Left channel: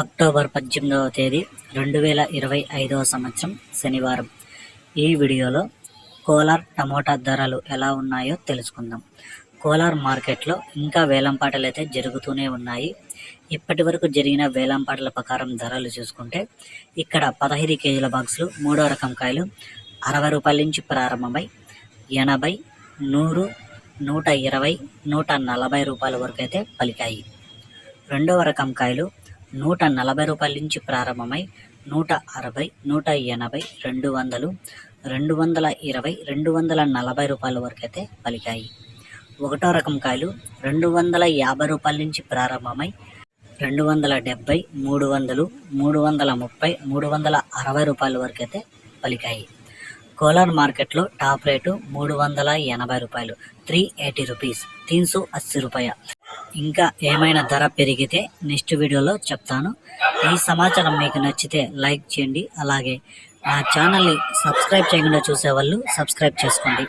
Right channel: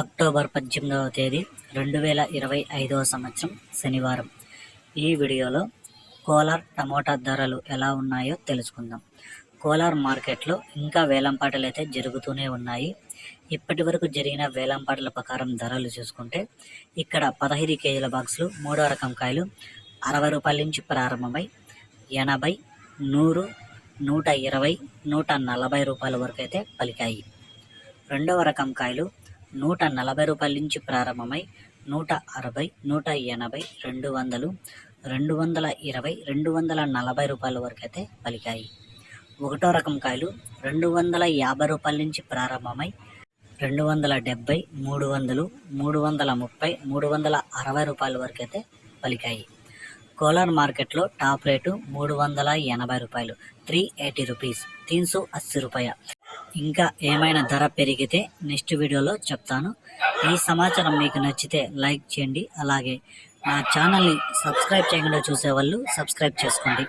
October పద్దెనిమిదవ తేదీ రెండు వేల ఇరవై ఐదవ సంవత్సరం శనివారం. ఈ వీడియోలో కోలార్ టమోటా ధరలు ఎలా ఉన్నాయో తెలుసుకుందాం. కోలార్ మార్కెట్లో ఇంకా వేలంపాటలు అయితే జరుగుతూనే ఉన్నాయి. ఇప్పటి వరకు జరిగిన వేలంపాటల ప్రకారం ధరలు చూసుకుంటే ఇక్కడ పదహైదు కేజీల బాక్సులు మూడో రకం కాయలు అరవై రూపాయల నుంచి ప్రారంభమై ఎనభై నూరు నూట ఇరవై నూట నలభై రూపాయల వరకు అయితే పలికాయి. రెండవ రకం కాయలు నూట నలభై రూపాయల నుంచి ప్రారంభమై నూట అరవై నూట ఎనభై రెండు వందలు రెండు వందల ఇరవై రెండు వందల నలభై రూపాయల వరకు అయితే పలికాయి. ఒకటో రకం కాయలు రెండు వందల యాభై రూపాయల నుంచి ప్రారంభమై రెండు వందల డెబ్బై మూడు వందలు మూడు వందల ముప్పై మూడు వందల అరవై రూపాయల వరకు అయితే పలికాయి. కోలార్ మార్కెట్లో టాప్ రేటు మూడు వందల ఎనభై రూపాయలు త్రీ ఎయిటీ రూపీస్ తీన్ సో అస్సీ రూపాయ. ఇంకా ఏమైనా ధర పెరిగితే నెక్స్ట్ వీడియోలో చెప్తాను. ఈ సమాచారం మీకు నచ్చితే లైక్ చేయండి. అలాగే నా ఛానల్ని సబ్స్క్రైబ్ చేయకుండా చూసేవాళ్ళు సబ్స్క్రైబ్ చేసుకోండి.